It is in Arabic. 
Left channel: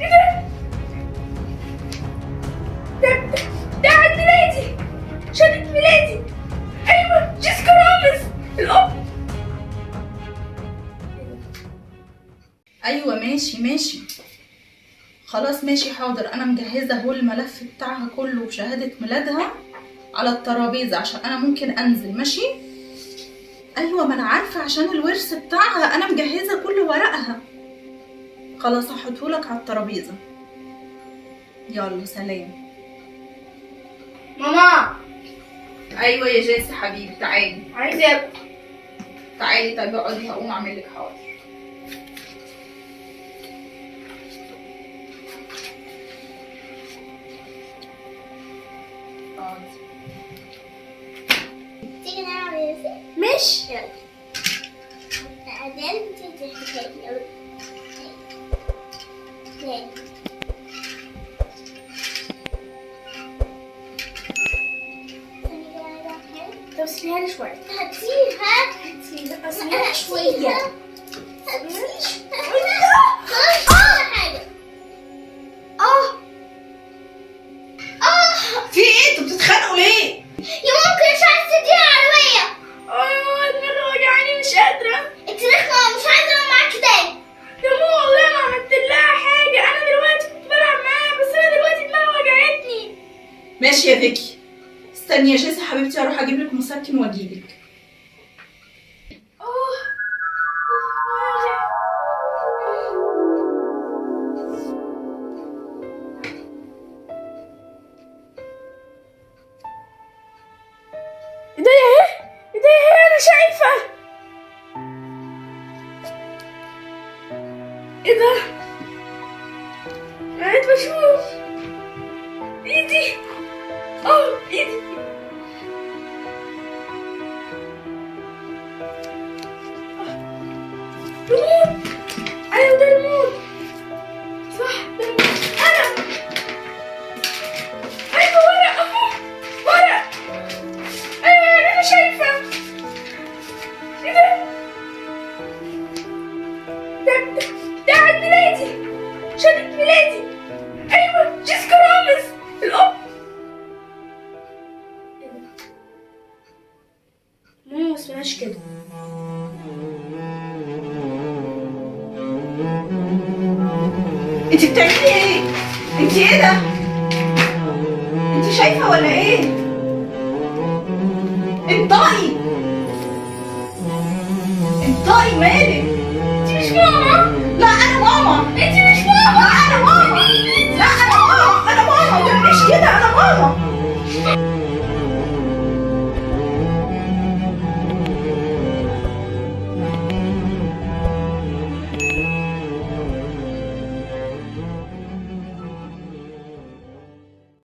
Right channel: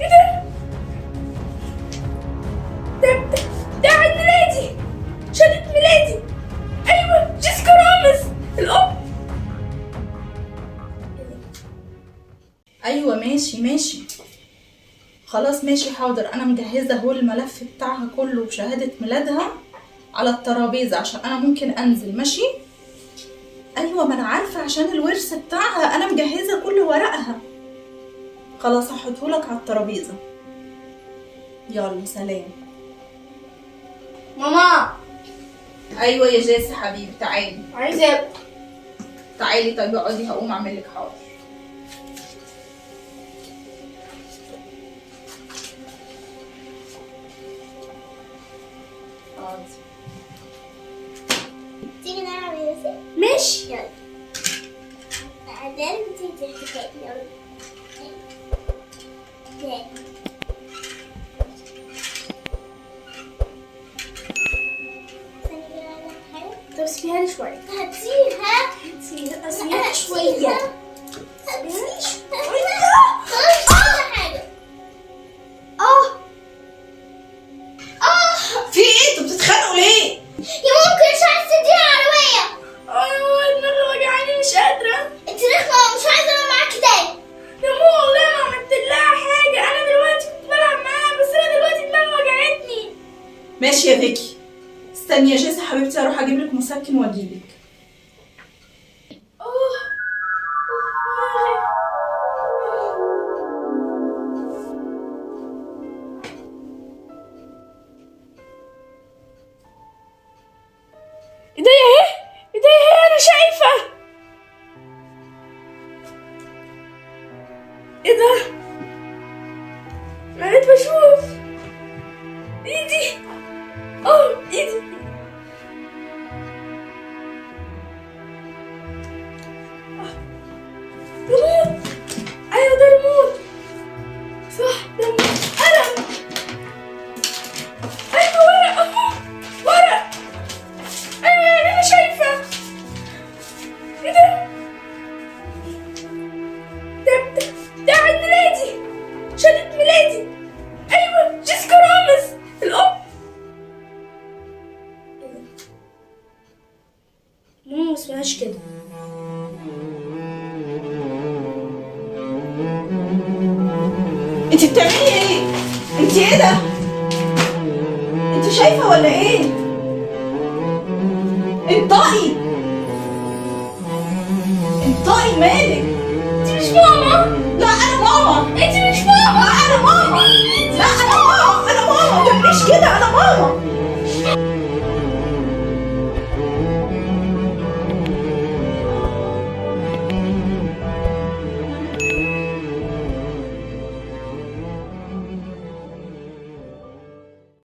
ايه ده عيد ميلادي، شهادة ميلادي. ايوه جيسيكا رامز الام. ايوه ماشي خلاص ماشي حاضر. انا مجهزه اهو الملف بتاعها كله وشهاده ميلادها على الترابيزه عشان انا ممكن انزل. ماشي ايوه ما انا عارفه عشان الورث بتاعها انا مجهزه كل ورقها. خلاص هحطهولك على الترابيزه. يلا سلام. ماما. ايوه يا جاسي حبيبي تعالي. عايزه اكل. تعالي طب اقعدي هقوم اعمل لك. حاضر. تيجي نلعب يا ياسين؟ ماشي يلا. تعالى تيجي تحكي يلا. تاني. طب سيبيها لي شوية. هاتيها سيبيها شوية. في ايه انتوا بتتخانقوا ليه؟ يا ممكن مش عايزة تديها عربية. دماغي وجعاني مش قادرة. انت رخمة مش عايزة اروح معاكي تاني. يا ماما والله ما عملت لها حاجة، أنا دلوقتي كنت بلعب معاها بس أنا دلوقتي دماغي وجعتني. ماشي يا فيكي. استني يا جيسي حبيبتي أروح أجيب لك مسكن وأجيلك. ايديا اهي أنا شايفة. ايه ده؟ بقيت بشوف ايدي. ايدي. ريموت. ايوه ده ريموت. صح ده قلم. ايوه ورق اهو. ورق. ايوه يعني انا شايفة. ايه ده عيد ميلادي، شهادة ميلادي. ايوه جيسيكا رامز الام. ماما ما اسمهاش كده. انت بتعملي ايه؟ انت ايه ده؟ انت شايفه ولا ايه؟ انطقي مالك؟ انت مش ماما. لا انا ماما. انت مش ماما. لا انا ماما. لا انا ماما. انا ماما. ما تعمليش كده. انا ماما.